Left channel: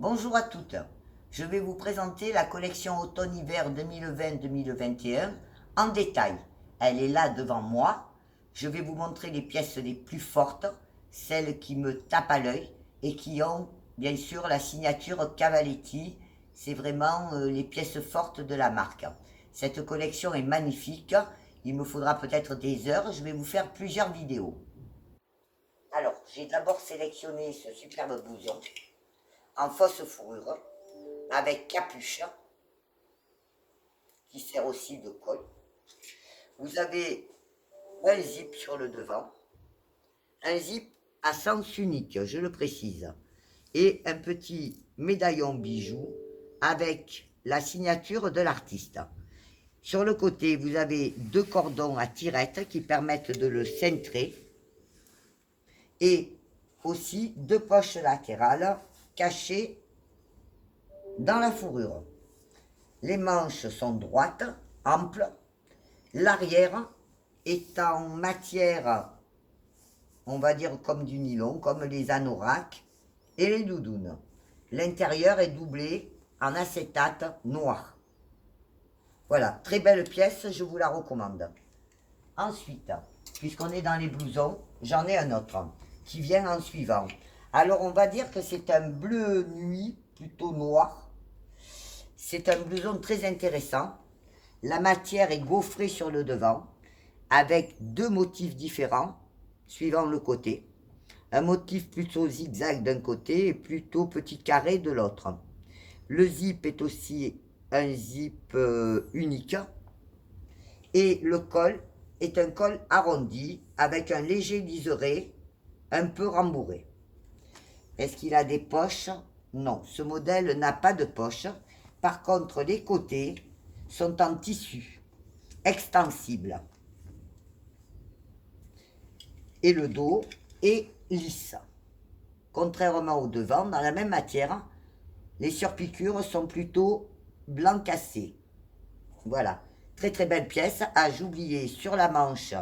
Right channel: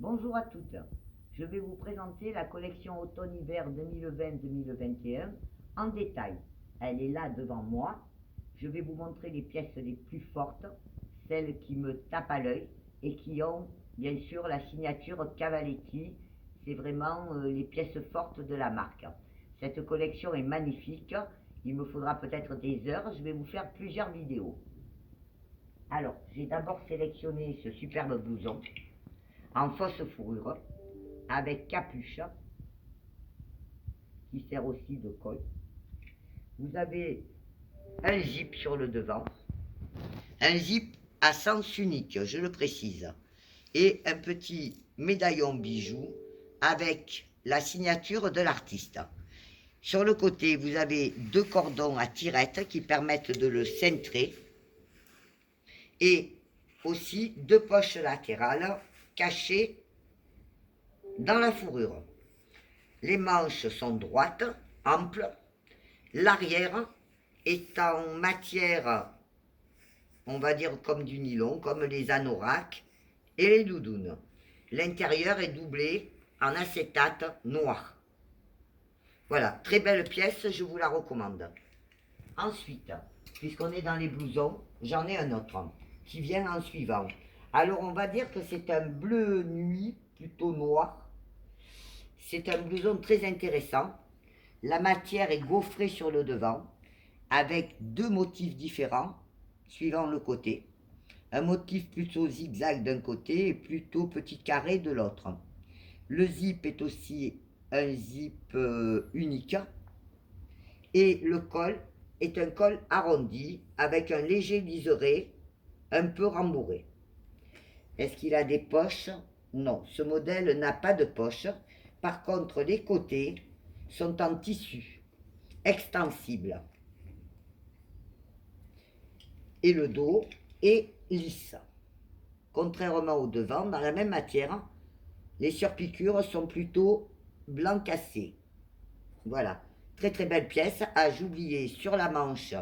Bonjour à toutes, je vais vous présenter la collection automne-hiver 2020-2021 en détail. Elle est là devant moi. Je vais vous montrer les pièces les plus fortes, celles qui me tapent à l'œil et qui ont bien sûr la signature Cavaletti. C'est vraiment les pièces fortes de la marque. Cette collection est magnifique, il me faudra peut-être des heures, je vais vous faire plusieurs vidéos. Alors, j'ai d'abord sélectionné ce superbe blouson en fausse fourrure avec capuche qui sert aussi de col. Vous avez un zip sur le devant, un zip à sens unique, je le précise, et un petit médaillon bijou avec la signature de l'artiste. Sur le côté, vous avez deux cordons à tirette qui permettent de le cintrer et aussi deux poches latérales cachées dans la fourrure. Les manches sont droites, amples. L'arrière est en matière, on va dire comme du nylon, comme les anoraks et les doudounes. L'intérieur est doublé en acétate noir. Voilà, très belle pièce, je vous la recommande. Ensuite, puisqu'on est dans les blousons, j'en ai un autre qui vient en suivant. Alors on va dire que c'est un bleu nuit, plutôt noir. C'est un blouson très intéressant. La matière est gaufrée sur le devant, avec deux motifs différents, suivant le côté. Un motif plutôt zigzag d'un côté et plutôt petit carré de l'autre. Le zip est aussi un zip unique. Et le col est un col arrondi, avec un léger liseré, un peu rembourré. Est-ce qu'il a des poches? Non, ce modèle n'a pas de poche. Par contre, les côtés sont en tissu extensible. Et le dos est lisse. Contrairement au devant, dans la même matière, les surpiqûres sont plutôt blanc cassé. Voilà, très très belle pièce. Ah, j'oubliais sur la manche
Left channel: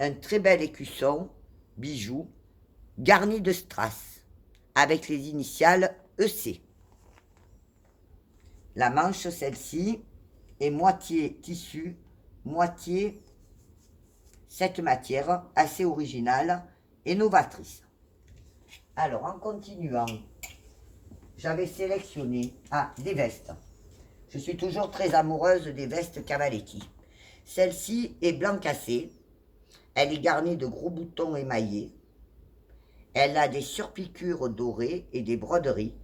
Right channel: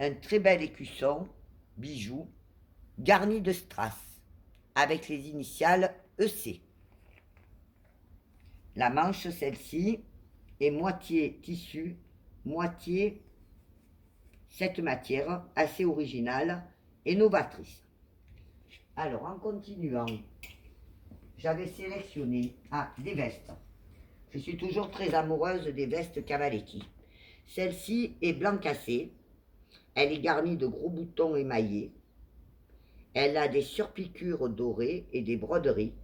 un très bel écusson, bijou, garni de strass, avec les initiales EC. La manche, celle-ci, est moitié tissu, moitié cette matière assez originale et novatrice. Alors, en continuant, j'avais sélectionné des vestes. Je suis toujours très amoureuse des vestes Cavaletti. Celle-ci est blanc cassé. Elle est garnie de gros boutons émaillés. Elle a des surpiqûres dorées et des broderies.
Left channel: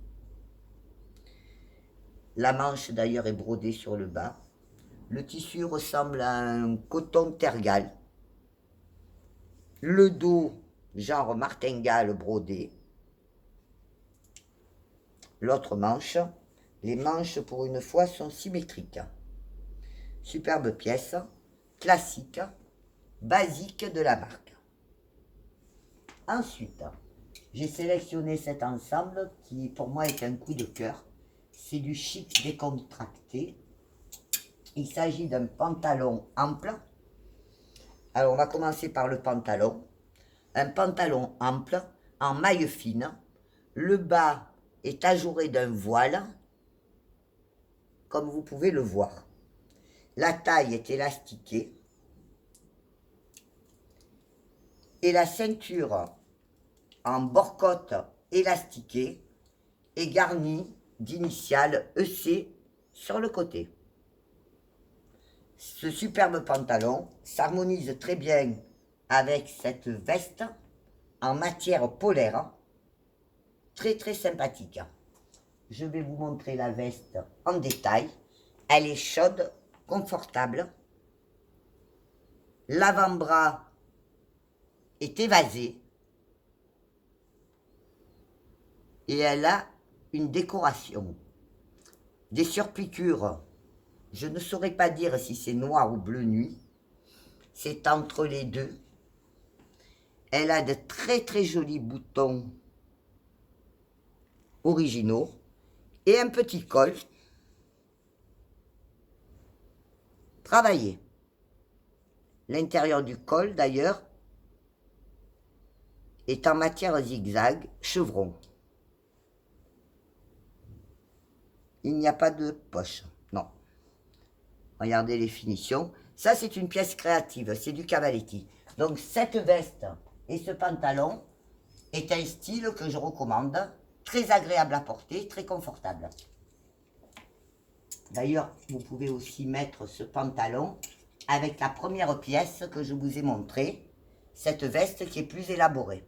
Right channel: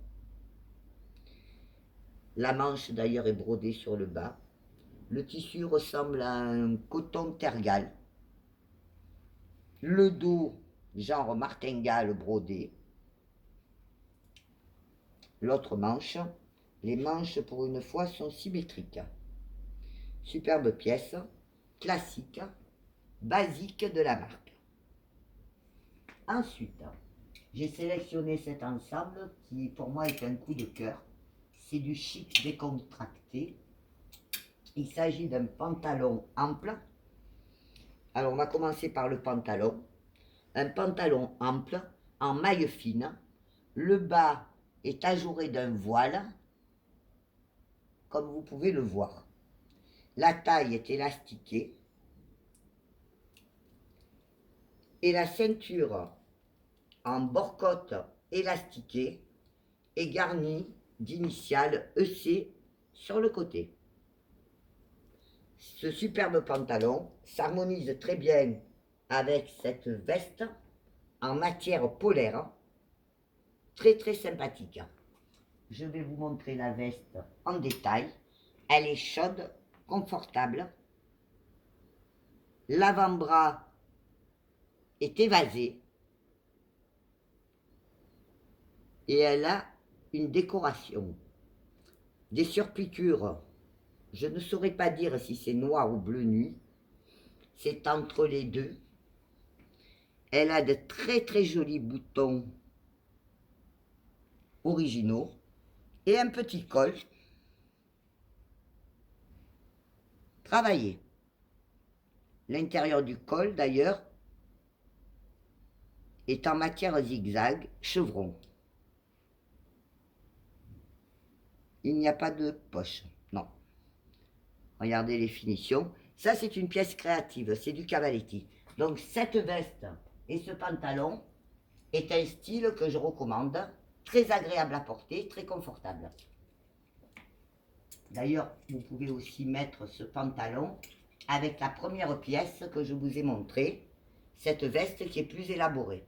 La manche d'ailleurs est brodée sur le bas. Le tissu ressemble à un coton tergal. Le dos, genre martingale brodé. L'autre manche, les manches pour une fois sont symétriques. Superbe pièce, classique, basique de la marque. Ensuite, j'ai sélectionné cet ensemble qui pour moi est un coup de cœur. C'est du chic décontracté. Il s'agit d'un pantalon ample. Alors on va commencer par le pantalon. Un pantalon ample en maille fine. Le bas est ajouré d'un voile, comme vous pouvez le voir. La taille est élastiquée et la ceinture en bord-côte élastiquée est garnie d'initiales EC sur le côté. Ce superbe pantalon s'harmonise très bien avec cette veste en matière polaire, très très sympathique. Je vais vous montrer la veste en détail. Elle est chaude, confortable. L'avant-bras est évasé et elle a une décoration. Des surpiqûres, je ne saurais pas dire si c'est noir ou bleu nuit. C'est entre les deux. Elle a de très très jolis boutons originaux et un petit col travaillé. L'intérieur du col d'ailleurs est en matière zigzag chevron. il n'y a pas de poche. Non. Regardez les finitions. Ça, c'est une pièce créative, c'est du Cavaletti. Donc, cette veste et ce pantalon est un style que je recommande. Très agréable à porter, très confortable. D'ailleurs, vous pouvez aussi mettre ce pantalon avec la première pièce que je vous ai montrée, cette veste qui est plus élaborée.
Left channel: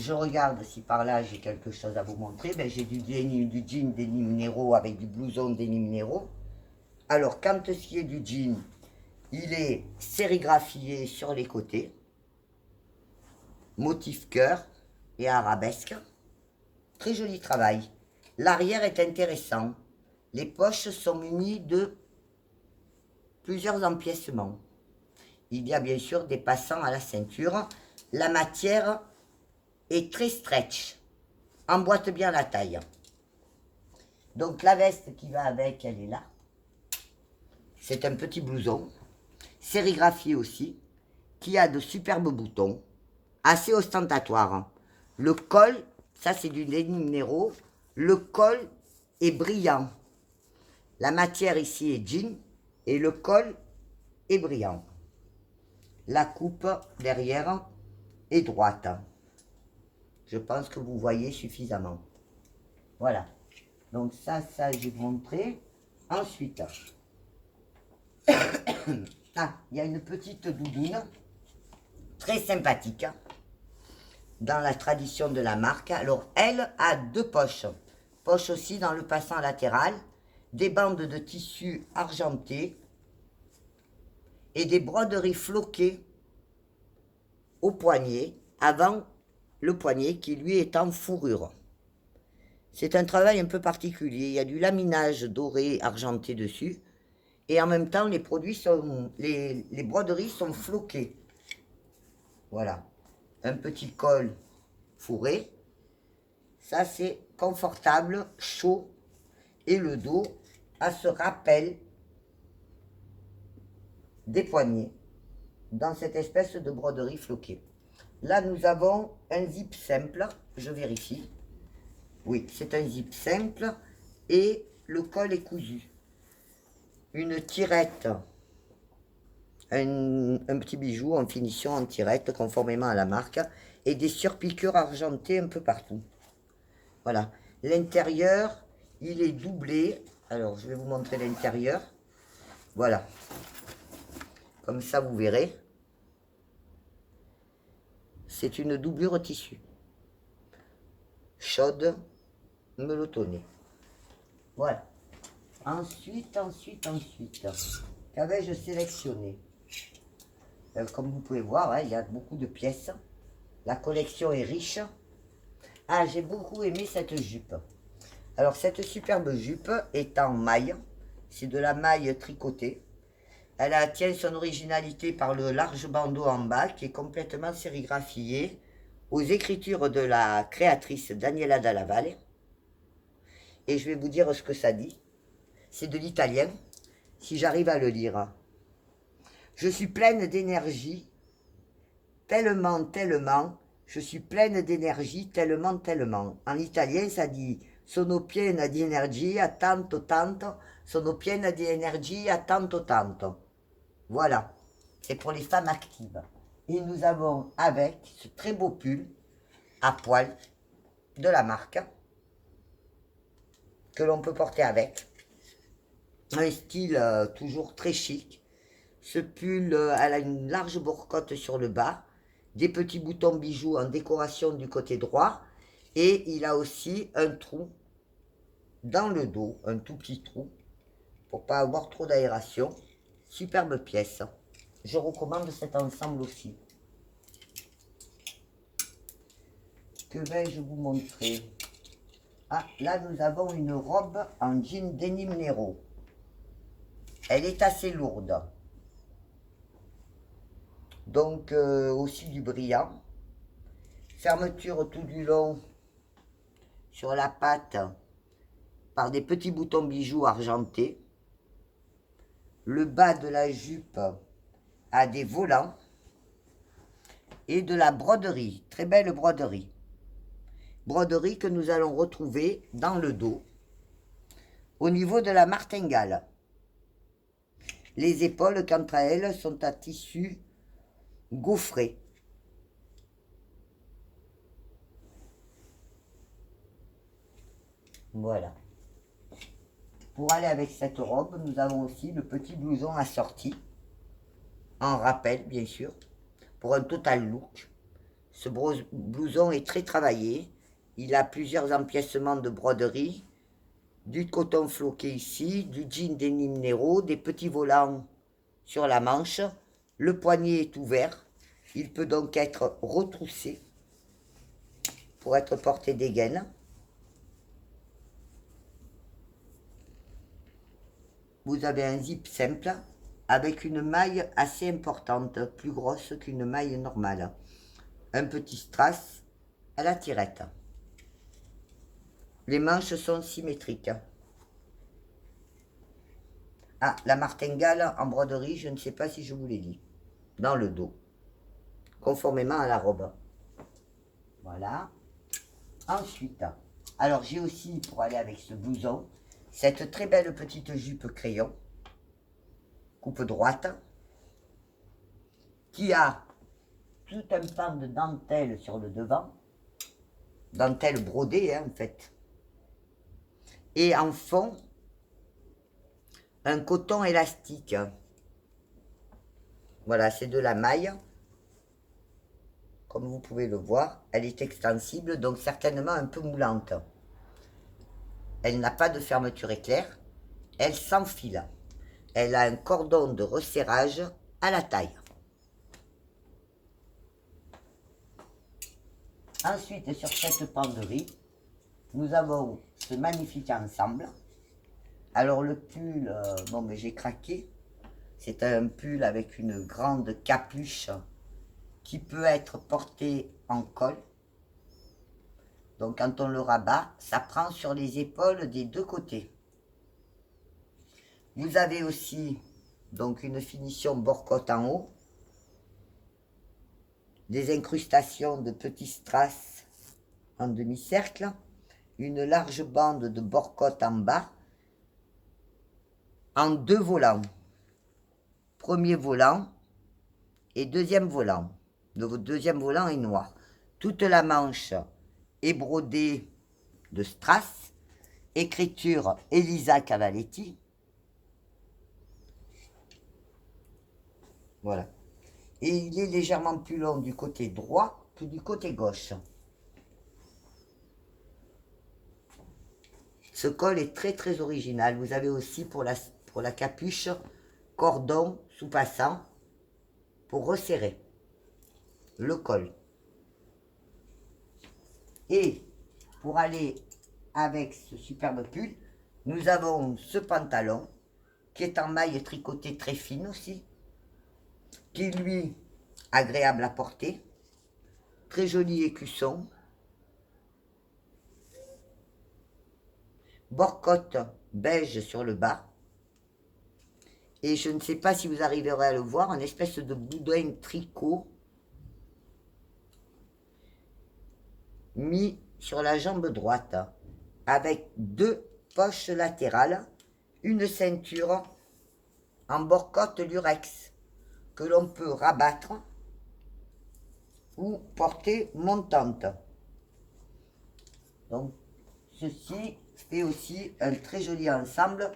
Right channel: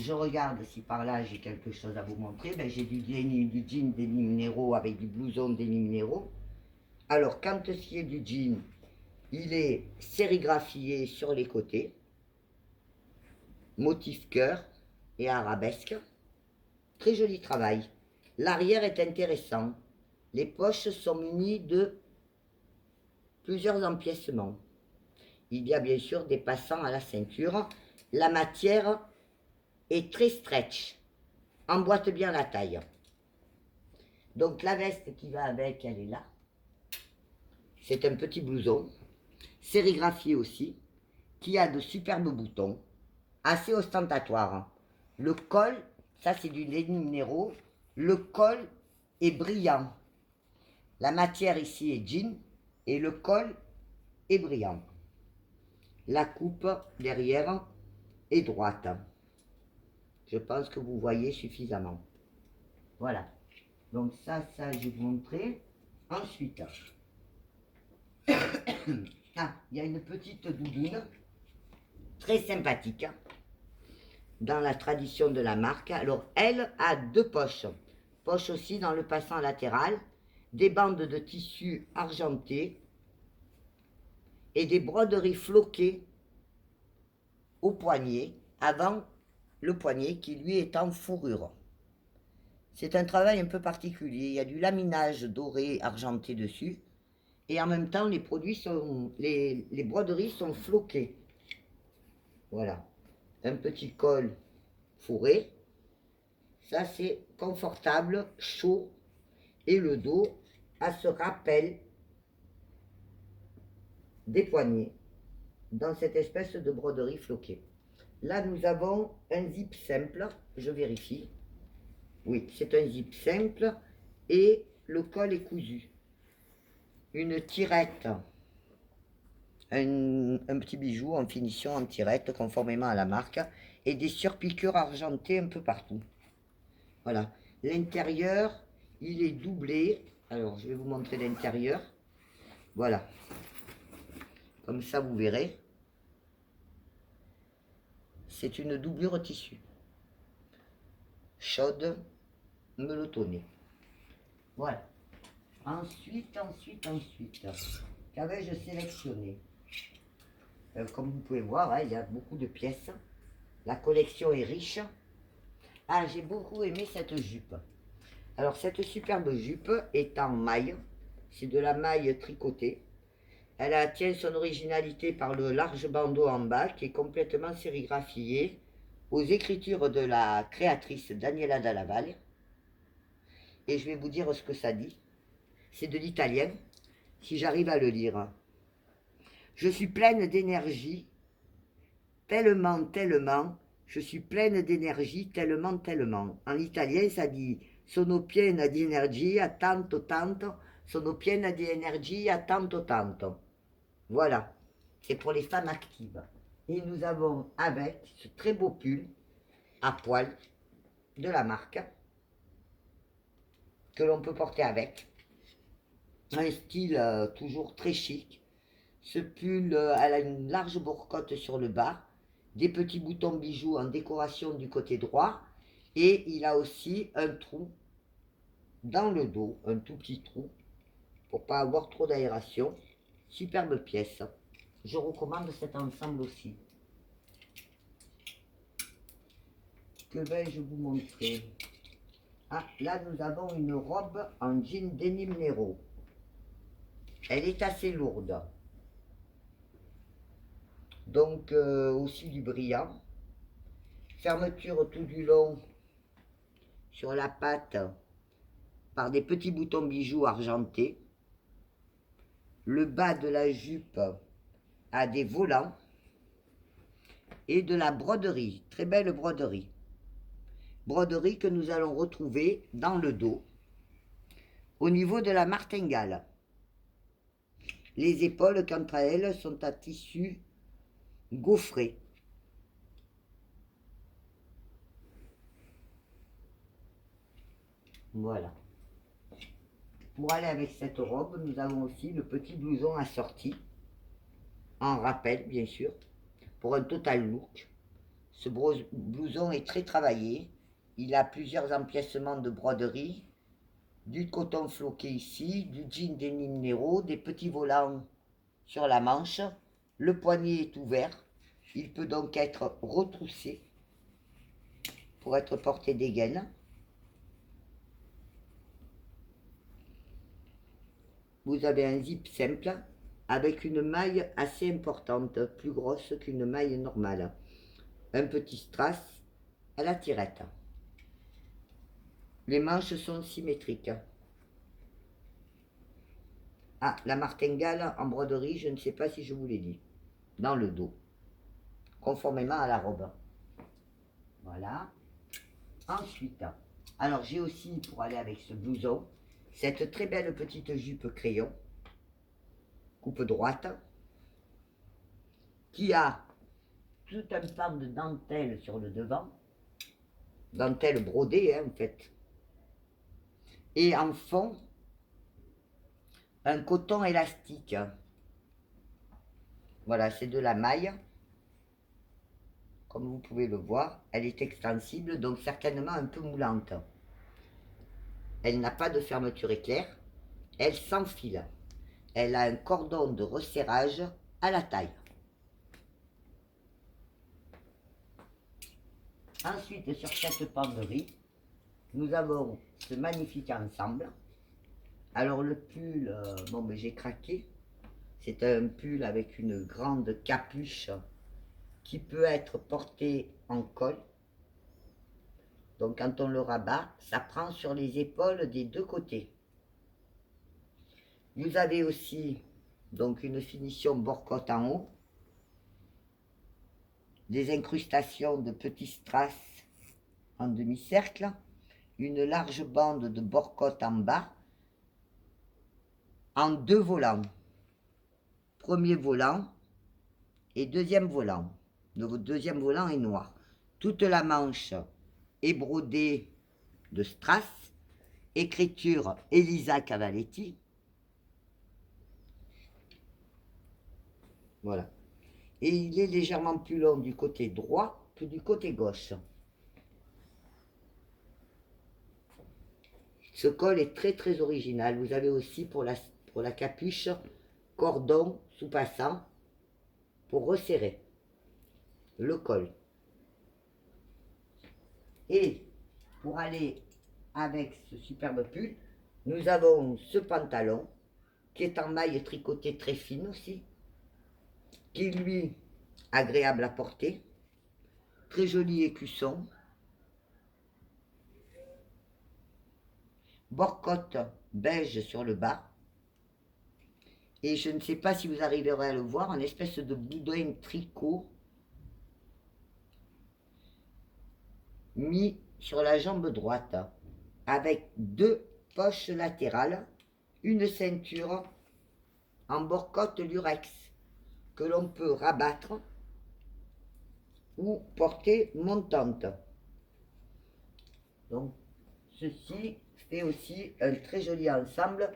Je regarde si par là j'ai quelque chose à vous montrer. Ben, j'ai du jean Denim Nero avec du blouson Denim Nero. Alors, quand ce est du jean, il est sérigraphié sur les côtés, motif cœur et arabesque. Très joli travail. L'arrière est intéressant. Les poches sont munies de plusieurs empiècements. Il y a bien sûr des passants à la ceinture. La matière est très stretch. Emboîte bien la taille. Donc la veste qui va avec, elle est là. C'est un petit blouson, sérigraphié aussi, qui a de superbes boutons, assez ostentatoires. Le col, ça c'est du Denim Nero, le col est brillant. La matière ici est jean et le col est brillant. La coupe derrière est droite. Je pense que vous voyez suffisamment. Voilà. Donc ça je vais vous montrer. Ensuite, ah, il y a une petite doudoune très sympathique dans la tradition de la marque. Alors, elle a deux poches. Poche aussi dans le passant latéral, des bandes de tissu argenté et des broderies floquées au poignet, avant le poignet qui lui est en fourrure. C'est un travail un peu particulier. Il y a du laminage doré argenté dessus et en même temps les broderies sont floquées. Voilà. Un petit col fourré. Ça c'est confortable, chaud et le dos a ce rappel des poignets dans cette espèce de broderie floquée. Là nous avons un zip simple, je vérifie. Oui, c'est un zip simple et le col est cousu. Une tirette, un petit bijou en finition en tirette conformément à la marque et des surpiqûres argentées un peu partout. Voilà. L'intérieur, il est doublé. Alors, je vais vous montrer l'intérieur. Voilà. Comme ça, vous verrez. C'est une doublure tissu. Chaude, melotonnée. Voilà. Ensuite, qu'avais-je sélectionné? Comme vous pouvez voir, hein, il y a beaucoup de pièces. La collection est riche. Ah, j'ai beaucoup aimé cette jupe. Alors, cette superbe jupe est en maille. C'est de la maille tricotée. Elle tient son originalité par le large bandeau en bas qui est complètement sérigraphié aux écritures de la créatrice Daniela Dalla Valle. Et je vais vous dire ce que ça dit. C'est de l'italien, si j'arrive à le lire. Je suis pleine d'énergie, tellement, je suis pleine d'énergie, tellement. En italien, ça dit sono piena di energia, tanto, sono piena di energia, tanto. Voilà, c'est pour les femmes actives. Et nous avons avec ce très beau pull à poil de la marque que l'on peut porter avec. Un style toujours très chic. Ce pull, elle a une large bourcotte sur le bas, des petits boutons bijoux en décoration du côté droit, et il a aussi un trou dans le dos, un tout petit trou, pour pas avoir trop d'aération. Superbe pièce. Je recommande cet ensemble aussi. Que vais-je vous montrer? Ah, là nous avons une robe en jean Denim Nero. Elle est assez lourde. Donc aussi du brillant. Fermeture tout du long sur la patte par des petits boutons bijoux argentés. Le bas de la jupe a des volants et de la broderie, très belle broderie. broderie que nous allons retrouver dans le dos, au niveau de la martingale. Les épaules, quant à elles, sont à tissu gaufré. Voilà. Pour aller avec cette robe, nous avons aussi le petit blouson assorti, en rappel bien sûr, pour un total look. Ce blouson est très travaillé, il a plusieurs empiècements de broderie, du coton floqué ici, du jean denim Nero, des petits volants sur la manche, le poignet est ouvert, il peut donc être retroussé pour être porté des gaines. Vous avez un zip simple avec une maille assez importante, plus grosse qu'une maille normale. Un petit strass à la tirette. Les manches sont symétriques. Ah, la martingale en broderie, je ne sais pas si je vous l'ai dit, dans le dos, conformément à la robe. Voilà. Ensuite, alors j'ai aussi, pour aller avec ce blouson, cette très belle petite jupe crayon, coupe droite, qui a tout un pan de dentelle sur le devant, dentelle brodée hein, en fait, et en fond, un coton élastique. Voilà, c'est de la maille, comme vous pouvez le voir, elle est extensible, donc certainement un peu moulante. Elle n'a pas de fermeture éclair, elle s'enfile. Elle a un cordon de resserrage à la taille. Ensuite, sur cette penderie, nous avons ce magnifique ensemble. Alors le pull, bon mais j'ai craqué. C'est un pull avec une grande capuche qui peut être porté en col. Donc quand on le rabat, ça prend sur les épaules des deux côtés. Vous avez aussi donc une finition bord-côte en haut, des incrustations de petits strass en demi-cercle, une large bande de bord-côte en bas, en deux volants. Premier volant et deuxième volant. Le deuxième volant est noir. Toute la manche est brodée de strass, écriture Elisa Cavaletti. Voilà. Et il est légèrement plus long du côté droit que du côté gauche. Ce col est très très original. Vous avez aussi pour la capuche cordon sous-passant pour resserrer le col. Et pour aller avec ce superbe pull, nous avons ce pantalon qui est en maille tricotée très fine aussi, qui lui agréable à porter, très joli écusson, bord-côte beige sur le bas, et je ne sais pas si vous arriverez à le voir, une espèce de boudin tricot mis sur la jambe droite, avec deux poches latérales, une ceinture en bord-côte lurex, que l'on peut rabattre ou porter montante. Donc, ceci fait aussi un très joli ensemble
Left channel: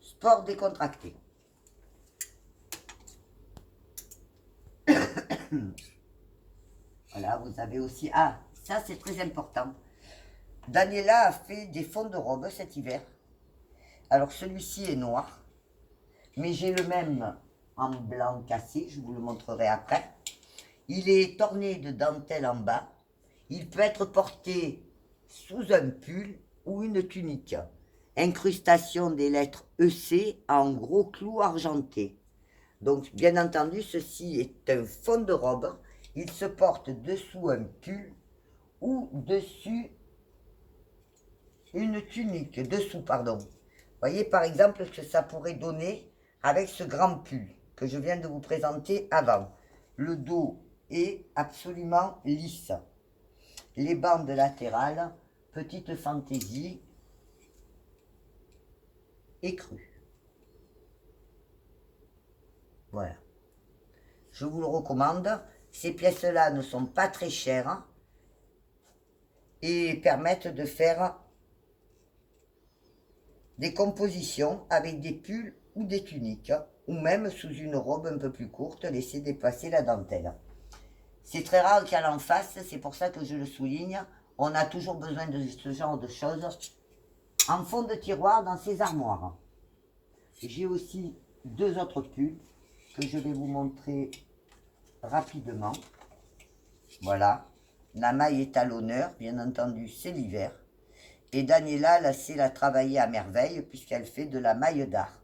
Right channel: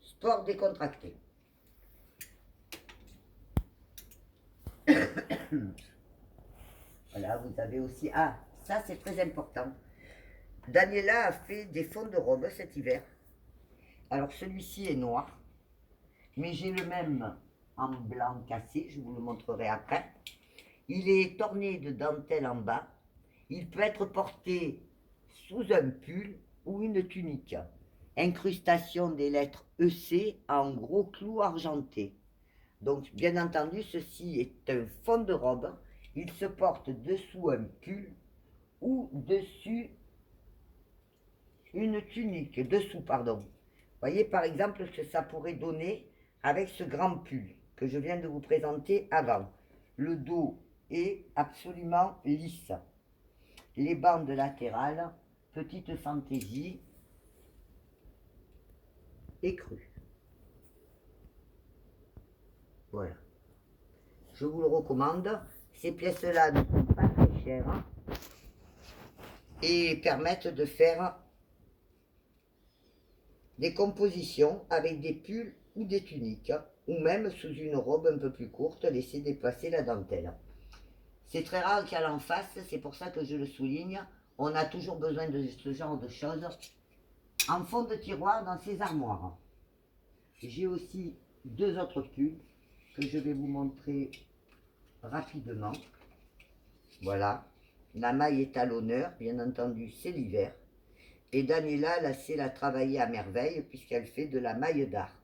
sport décontracté. Voilà, vous avez aussi... Ah, ça c'est très important. Daniela a fait des fonds de robe cet hiver. Alors celui-ci est noir, mais j'ai le même en blanc cassé, je vous le montrerai après. Il est orné de dentelle en bas. Il peut être porté sous un pull ou une tunique. Incrustation des lettres EC en gros clous argentés. Donc, bien entendu, ceci est un fond de robe. Il se porte dessous un pull ou dessus une tunique. Dessous, pardon. Voyez par exemple que ça pourrait donner avec ce grand pull que je viens de vous présenter avant. Le dos est absolument lisse. Les bandes latérales, petite fantaisie, écrue. Voilà. Je vous le recommande. Ces pièces-là ne sont pas très chères et permettent de faire des compositions avec des pulls ou des tuniques, ou même sous une robe un peu plus courte, laisser dépasser la dentelle. C'est très rare qu'elle en fasse, c'est pour ça que je le souligne. On a toujours besoin de ce genre de choses en fond de tiroir dans ces armoires. J'ai aussi deux autres pulls que je vais vous montrer rapidement. Voilà, la maille est à l'honneur, bien entendu, c'est l'hiver. Et Daniela, là, c'est la travailler à merveille puisqu'elle fait de la maille d'art.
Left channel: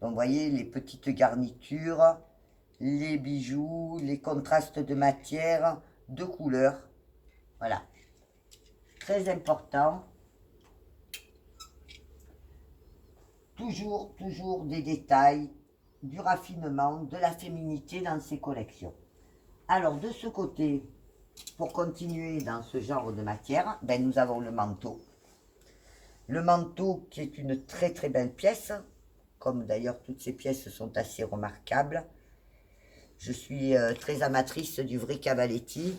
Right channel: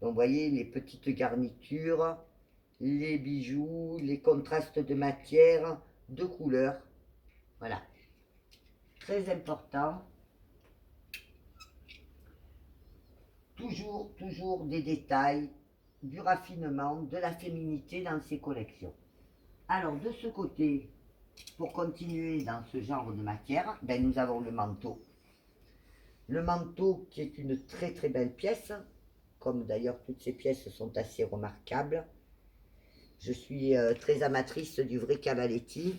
Donc, vous voyez, les petites garnitures, les bijoux, les contrastes de matière, de couleurs. Voilà. Très important. Toujours des détails, du raffinement, de la féminité dans ces collections. Alors, de ce côté, pour continuer dans ce genre de matière, ben, nous avons le manteau. Le manteau qui est une très très belle pièce, comme d'ailleurs toutes ces pièces sont assez remarquables. Je suis très amatrice du vrai Cavaletti,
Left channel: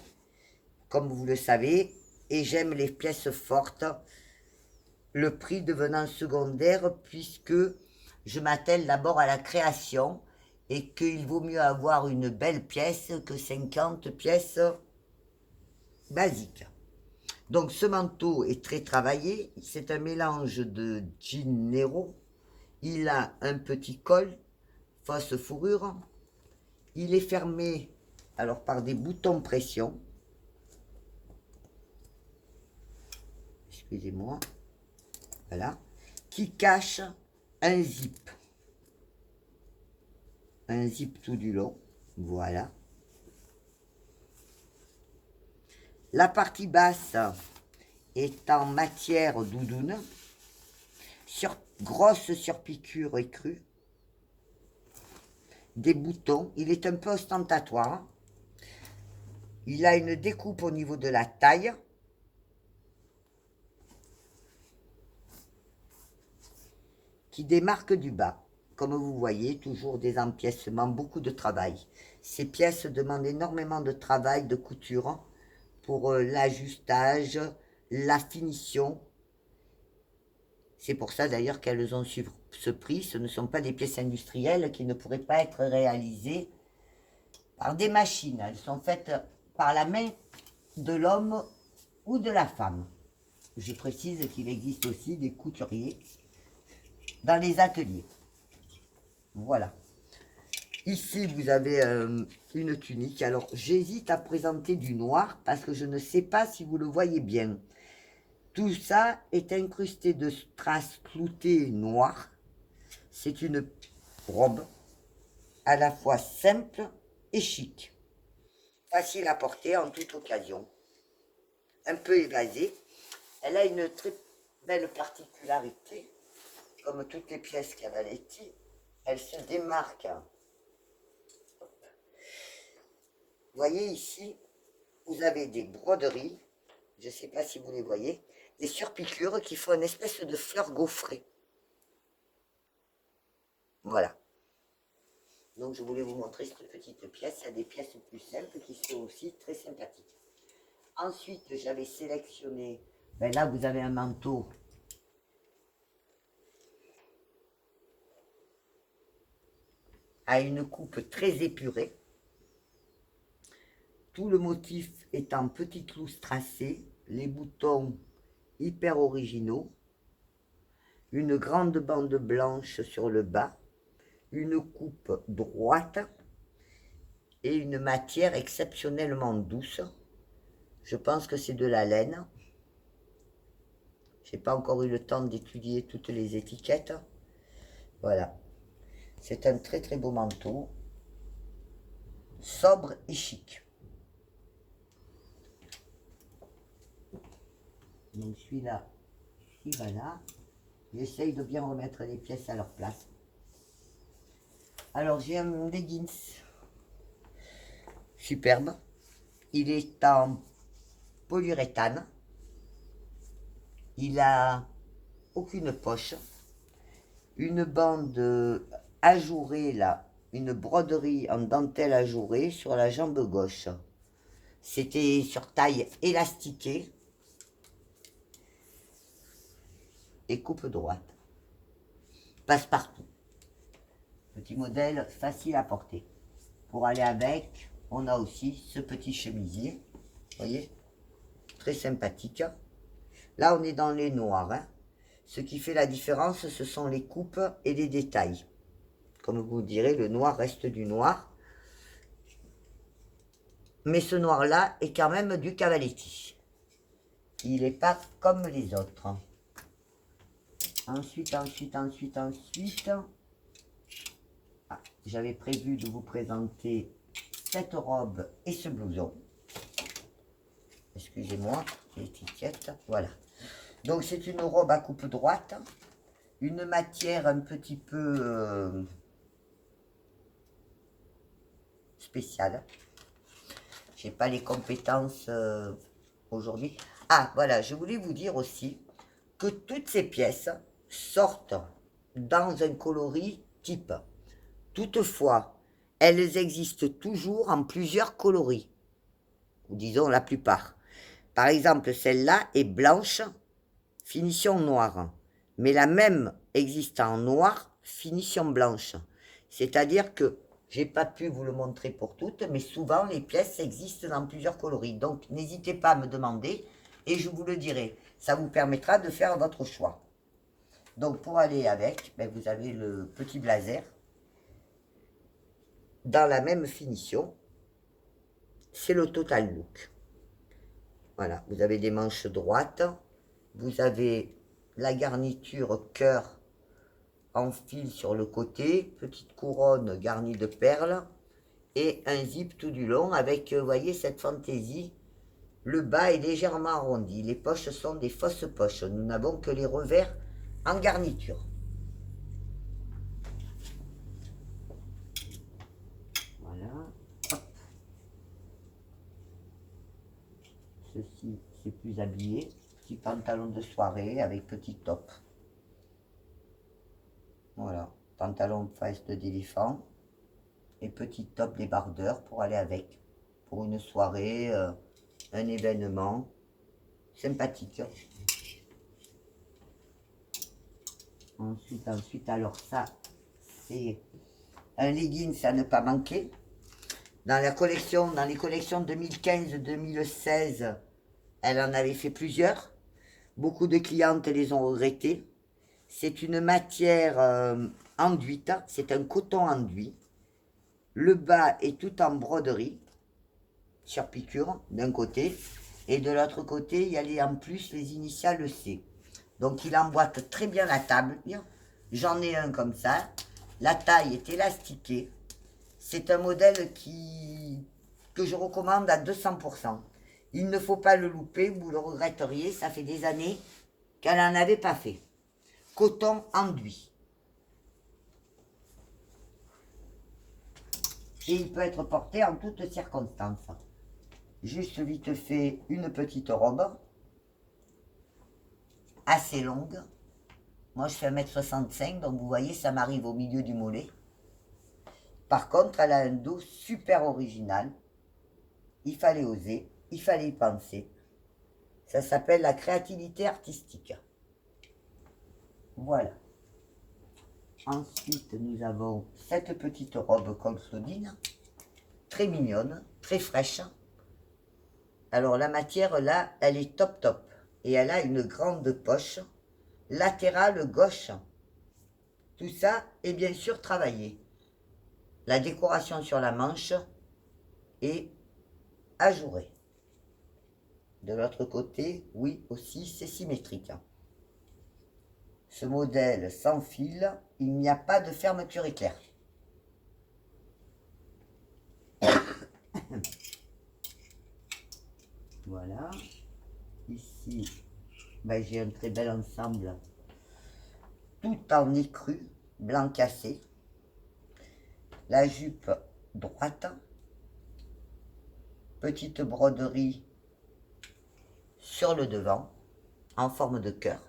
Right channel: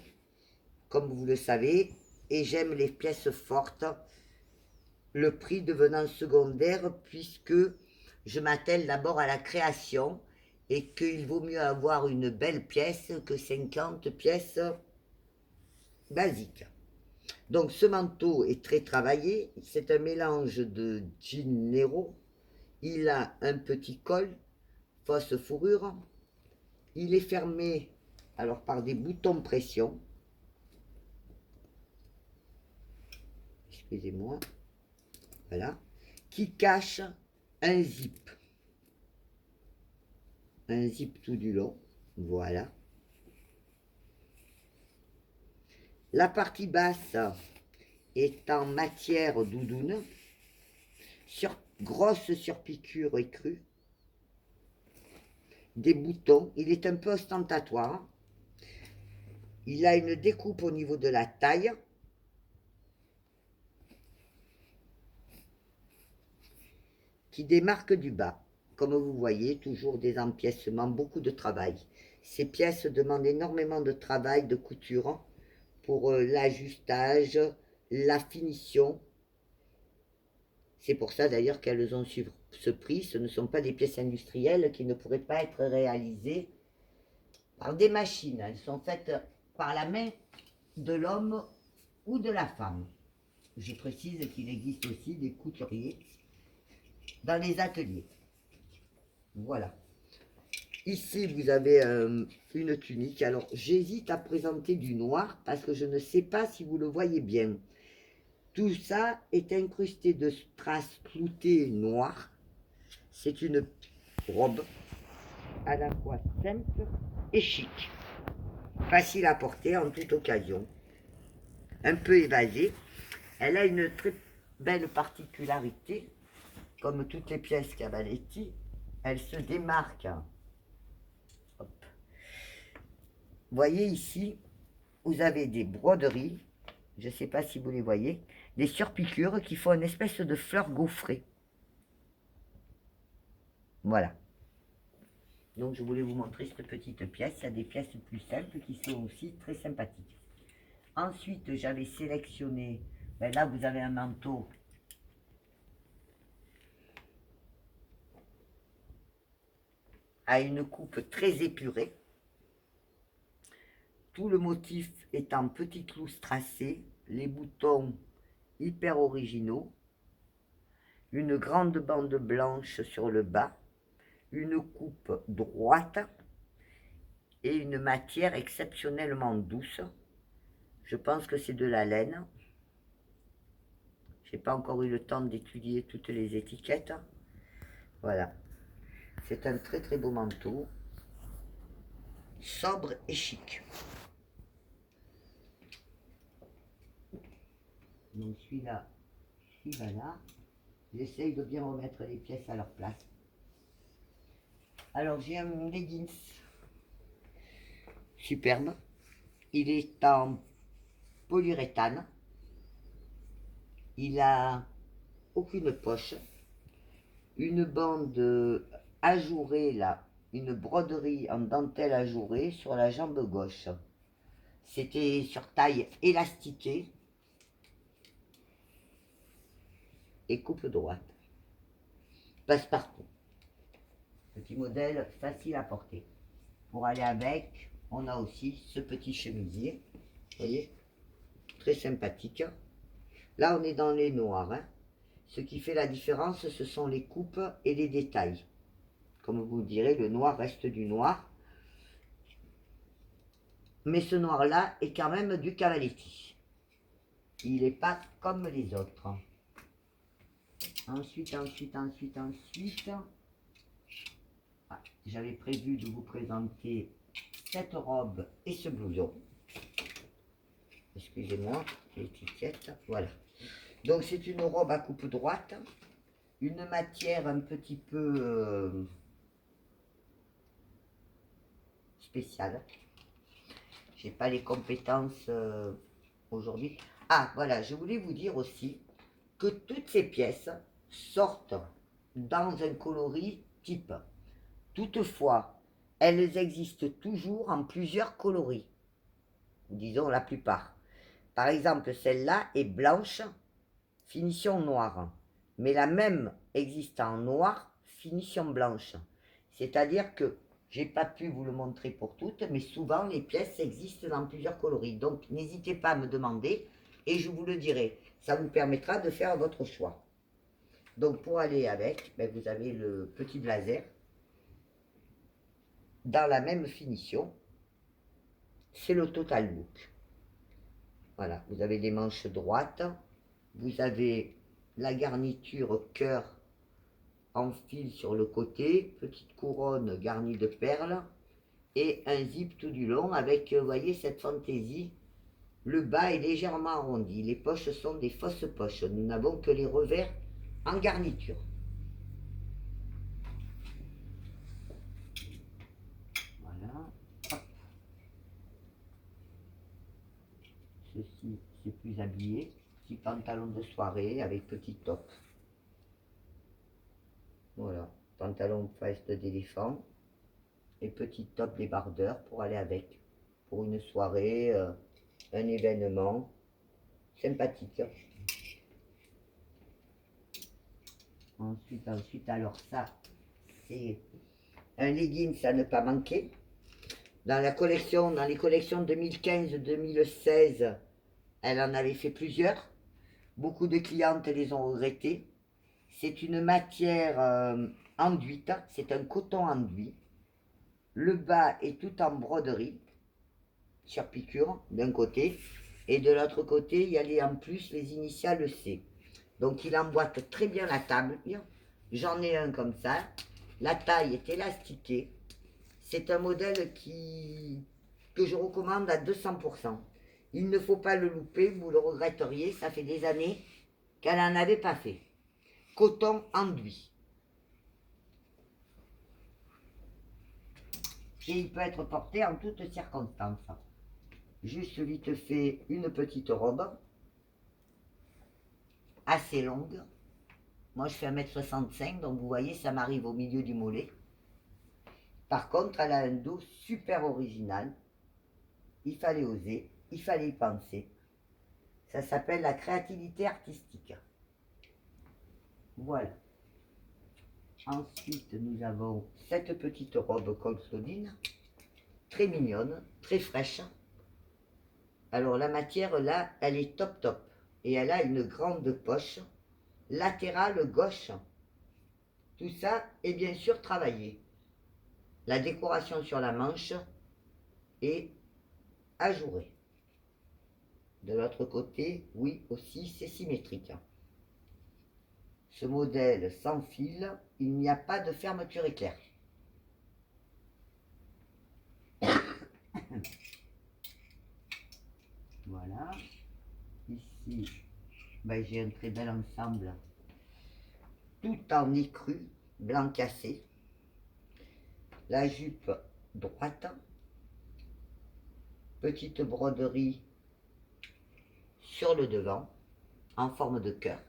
comme vous le savez, et j'aime les pièces fortes, le prix devenant secondaire puisque je m'attelle d'abord à la création et qu'il vaut mieux avoir une belle pièce que 50 pièces basiques. Donc ce manteau est très travaillé, c'est un mélange de jean Nero, il a un petit col, fausse fourrure, il est fermé alors par des boutons pression, excusez-moi, voilà, qui cache un zip tout du long, voilà. La partie basse est en matière doudoune, grosse surpiqûre écrue, des boutons, il est un peu ostentatoire, il a une découpe au niveau de la taille, qui démarque du bas. Comme vous voyez, toujours des empiècements, beaucoup de travail. Ces pièces demandent énormément de travail, de couture, pour l'ajustage, la finition. C'est pour ça d'ailleurs qu'elles ont su ce prix. Ce ne sont pas des pièces industrielles qui ne pourraient pas être réalisées par des machines. Elles sont faites par la main de l'homme ou de la femme. Je précise qu'il existe aussi des couturiers dans les ateliers. Voilà. Ici, vous avez une tunique. Alors, j'hésite à présenter du noir parce que je ne sais pas si vous le voyez bien. Tout ça est incrusté de strass cloutées noires. C'est une robe à la fois simple et chic. Facile à porter en toute occasion. Un peu évasée. Elle a une très belle particularité. Comme toutes les pièces Cavaletti, elle se démarque. Hop. Vous voyez ici, vous avez des broderies, je ne sais pas si vous les voyez, des surpiqûres qui font une espèce de fleur gaufrée. Voilà. Donc je voulais vous montrer cette petite pièce. Il y a des pièces plus simples qui sont aussi très sympathiques. Ensuite, j'avais sélectionné, ben là vous avez un manteau à une coupe très épurée. Tout le motif est en petites lousses tracées, les boutons hyper originaux, une grande bande blanche sur le bas, une coupe droite et une matière exceptionnellement douce. Je pense que c'est de la laine. Je n'ai pas encore eu le temps d'étudier toutes les étiquettes. Voilà. C'est un très très beau manteau, sobre et chic. Donc celui-là, là. J'essaye de bien remettre les pièces à leur place. Alors j'ai un leggings superbe. Il est en polyuréthane. Il a aucune poche. Une bande ajourée là, une broderie en dentelle ajourée sur la jambe gauche. C'était sur taille élastiquée et coupe droite. Passe-partout. Petit modèle facile à porter. Pour aller avec, on a aussi ce petit chemisier. Vous voyez, très sympathique. Là, on est dans les noirs. Hein. Ce qui fait la différence, ce sont les coupes et les détails. Comme vous direz, le noir reste du noir. Mais ce noir-là est quand même du Cavaletti. Il n'est pas comme les autres. Ensuite. Ah, j'avais prévu de vous présenter cette robe et ce blouson. Excusez-moi, l'étiquette. Voilà. Donc c'est une robe à coupe droite. Une matière un petit peu spéciale. J'ai pas les compétences aujourd'hui. Ah, voilà, je voulais vous dire aussi que toutes ces pièces sortent dans un coloris type. Toutefois, elles existent toujours en plusieurs coloris, ou disons la plupart. Par exemple, celle-là est blanche, finition noire, mais la même existe en noir, finition blanche. C'est-à-dire que j'ai pas pu vous le montrer pour toutes, mais souvent les pièces existent dans plusieurs coloris. Donc n'hésitez pas à me demander et je vous le dirai. Ça vous permettra de faire votre choix. Donc pour aller avec, ben, vous avez le petit blazer dans la même finition. C'est le total look. Voilà, vous avez des manches droites, vous avez la garniture cœur en fil sur le côté, petite couronne garnie de perles et un zip tout du long avec, vous voyez, cette fantaisie. Le bas est légèrement arrondi, les poches sont des fausses poches, nous n'avons que les revers en garniture. Voilà. Hop. Ceci, c'est plus habillé. Petit pantalon de soirée avec petit top. Voilà. Pantalon veste d'éléphant. Et petit top débardeur pour aller avec. Pour une soirée, un événement. Sympathique. Ensuite, alors ça, c'est un leggings à ne pas manquer. Dans les collections 2015-2016, elle en avait fait plusieurs. Beaucoup de clientes les ont regrettées. C'est une matière enduite, c'est un coton enduit. Le bas est tout en broderie, sur piqûre, d'un côté. Et de l'autre côté, il y a en plus les initiales C. Donc il emboîte très bien la table. J'en ai un comme ça. La taille est élastiquée. C'est un modèle que je recommande à 200%. Il ne faut pas le louper, vous le regretteriez. Ça fait des années qu'elle n'en avait pas fait. Coton enduit. Et il peut être porté en toutes circonstances. Juste vite fait une petite robe. Assez longue. Moi je fais 1m65, donc vous voyez ça m'arrive au milieu du mollet. Par contre elle a un dos super original. Il fallait oser, il fallait y penser. Ça s'appelle la créativité artistique. Voilà. Ensuite nous avons cette petite robe col Claudine. Très mignonne, très fraîche. Alors la matière là, elle est top top. Et elle a une grande poche latérale gauche. Tout ça est bien sûr travaillé. La décoration sur la manche est ajourée. De l'autre côté, oui, aussi, c'est symétrique. Ce modèle sans fil, il n'y a pas de fermeture éclair. Voilà. Ici, ben, j'ai un très bel ensemble. Tout en écru, blanc cassé. La jupe droite. Petite broderie sur le devant, en forme de cœur.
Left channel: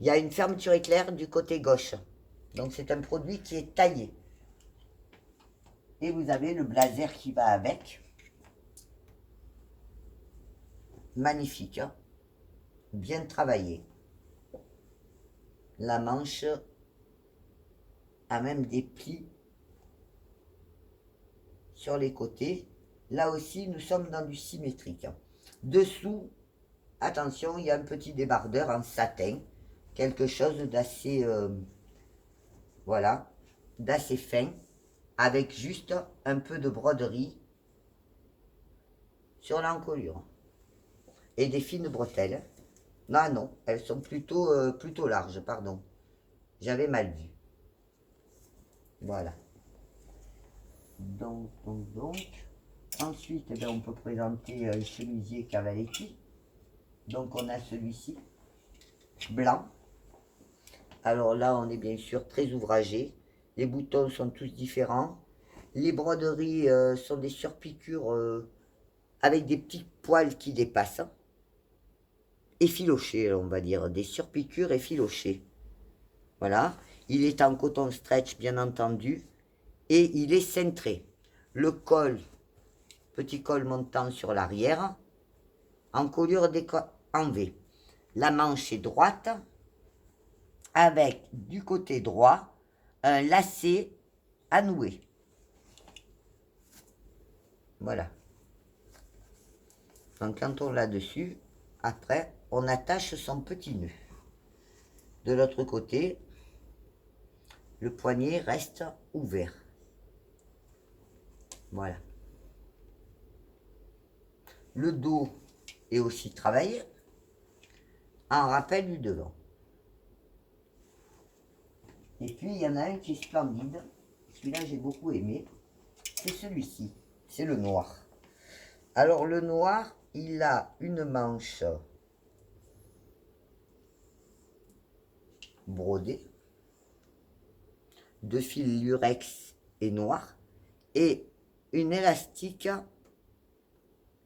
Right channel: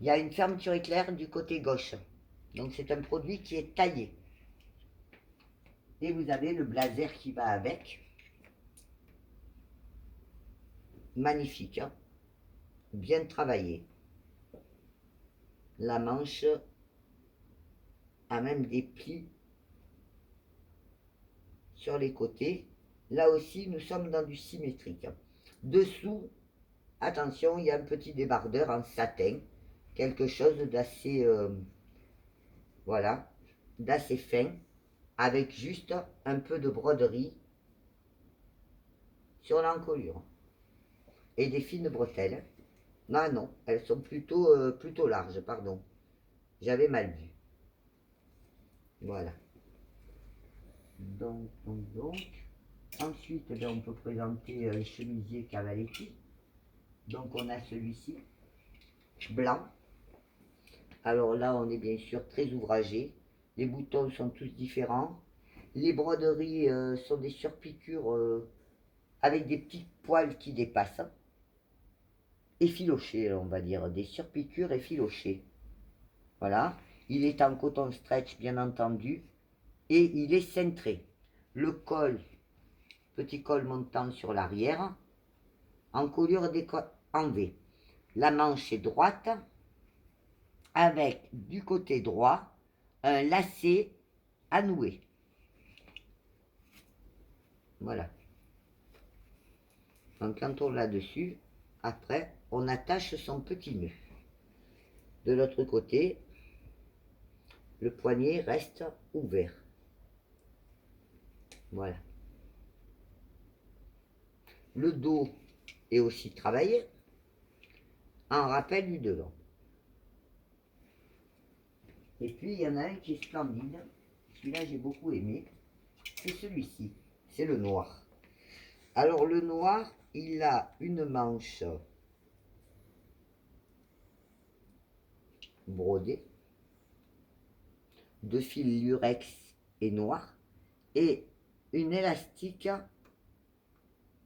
Il y a une fermeture éclair du côté gauche. Donc c'est un produit qui est taillé. Et vous avez le blazer qui va avec. Magnifique, hein? Bien travaillé. La manche a même des plis sur les côtés. Là aussi, nous sommes dans du symétrique. Dessous, attention, il y a un petit débardeur en satin. Quelque chose d'assez, voilà, d'assez fin. Avec juste un peu de broderie sur l'encolure. Et des fines bretelles. Non, non, elles sont plutôt larges, pardon. J'avais mal vu. Voilà. Donc. Ensuite, eh bien, on peut présenter un chemisier Cavaletti. Donc on a celui-ci, blanc. Alors là, on est bien sûr très ouvragé. Les boutons sont tous différents. Les broderies sont des surpiqûres avec des petits poils qui dépassent. Effilochés, on va dire. Des surpiqûres effilochées. Voilà. Il est en coton stretch, bien entendu. Et il est cintré. Le col, petit col montant sur l'arrière, en colure en V. La manche est droite, avec du côté droit, un lacet à nouer. Voilà. Donc quand on l'a dessus, après, on attache son petit nœud. De l'autre côté, le poignet reste ouvert. Voilà. Le dos est aussi travaillé en rappel du devant. Et puis il y en a un qui est splendide, celui-là j'ai beaucoup aimé, c'est celui-ci, c'est le noir. Alors le noir, il a une manche brodée, de fil lurex et noir, et une élastique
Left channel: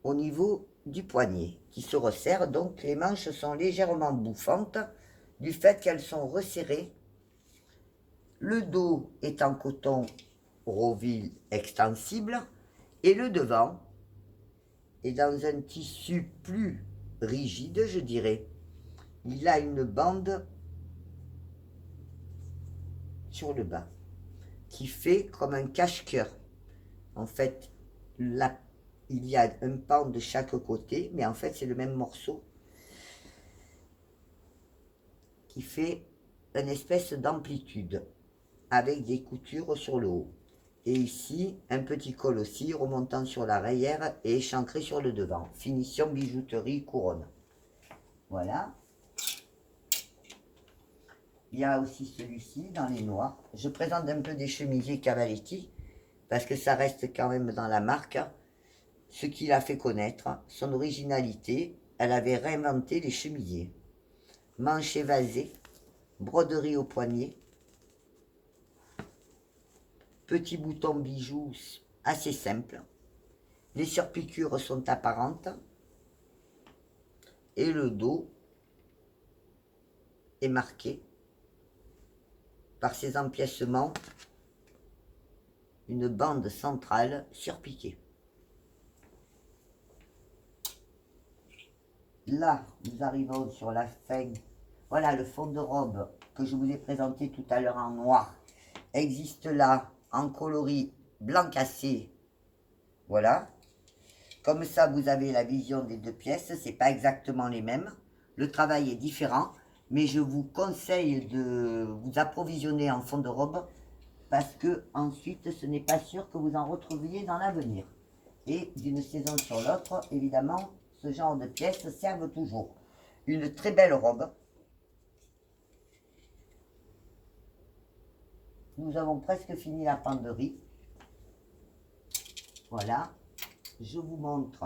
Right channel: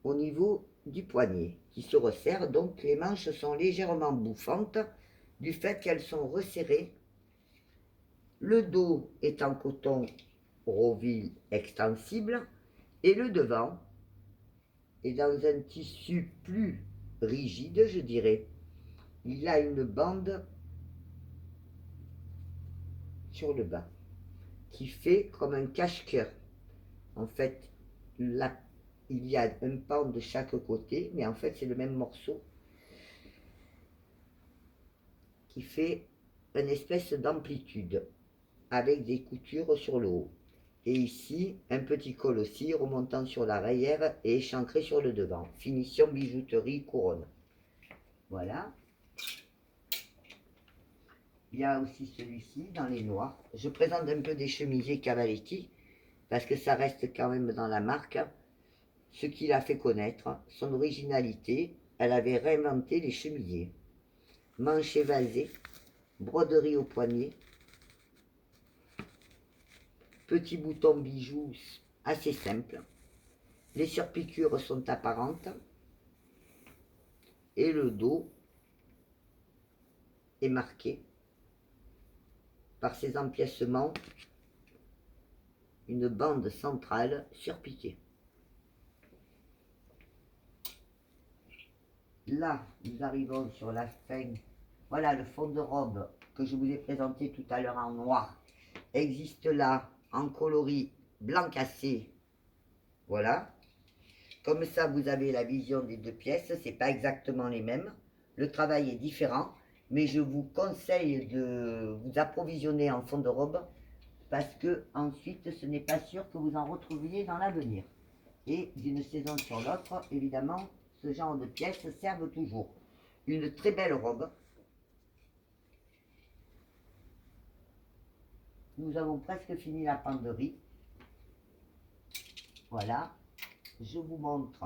au niveau du poignet qui se resserre, donc les manches sont légèrement bouffantes du fait qu'elles sont resserrées. Le dos est en coton Roville extensible et le devant est dans un tissu plus rigide, je dirais. Il a une bande sur le bas qui fait comme un cache-cœur. En fait, là, il y a un pan de chaque côté, mais en fait, c'est le même morceau qui fait une espèce d'amplitude avec des coutures sur le haut. Et ici, un petit col aussi remontant sur l'arrière et échancré sur le devant. Finition bijouterie couronne. Voilà. Il y a aussi celui-ci dans les noirs. Je présente un peu des chemisiers Cavaletti parce que ça reste quand même dans la marque. Ce qui l'a fait connaître, son originalité, elle avait réinventé les chemisiers. Manches évasées, broderie au poignet, petits boutons bijoux assez simples. Les surpiqûres sont apparentes et le dos est marqué par ses empiècements, une bande centrale surpiquée. Là, nous arrivons sur la fin. Voilà le fond de robe que je vous ai présenté tout à l'heure en noir. Existe là en coloris blanc cassé. Voilà. Comme ça, vous avez la vision des deux pièces. C'est pas exactement les mêmes. Le travail est différent. Mais je vous conseille de vous approvisionner en fond de robe parce que ensuite, ce n'est pas sûr que vous en retrouviez dans l'avenir. Et d'une saison sur l'autre, évidemment, ce genre de pièces servent toujours. Une très belle robe. Nous avons presque fini la penderie. Voilà. Je vous montre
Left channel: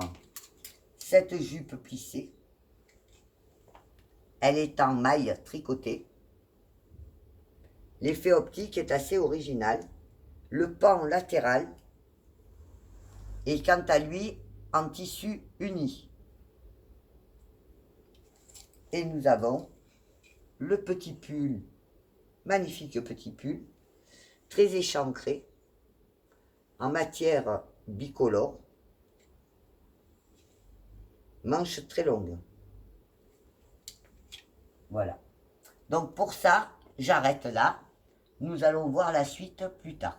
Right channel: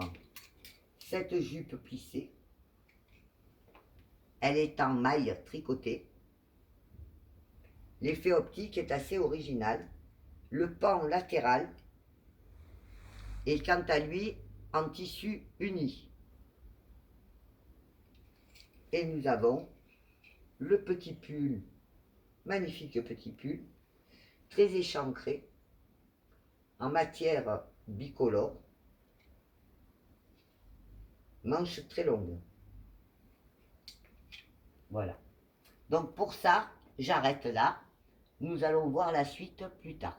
cette jupe plissée. Elle est en maille tricotée. L'effet optique est assez original. Le pan latéral est quant à lui en tissu uni. Et nous avons le petit pull, magnifique petit pull, très échancré, en matière bicolore, manche très longue. Voilà. Donc pour ça, j'arrête là. Nous allons voir la suite plus tard.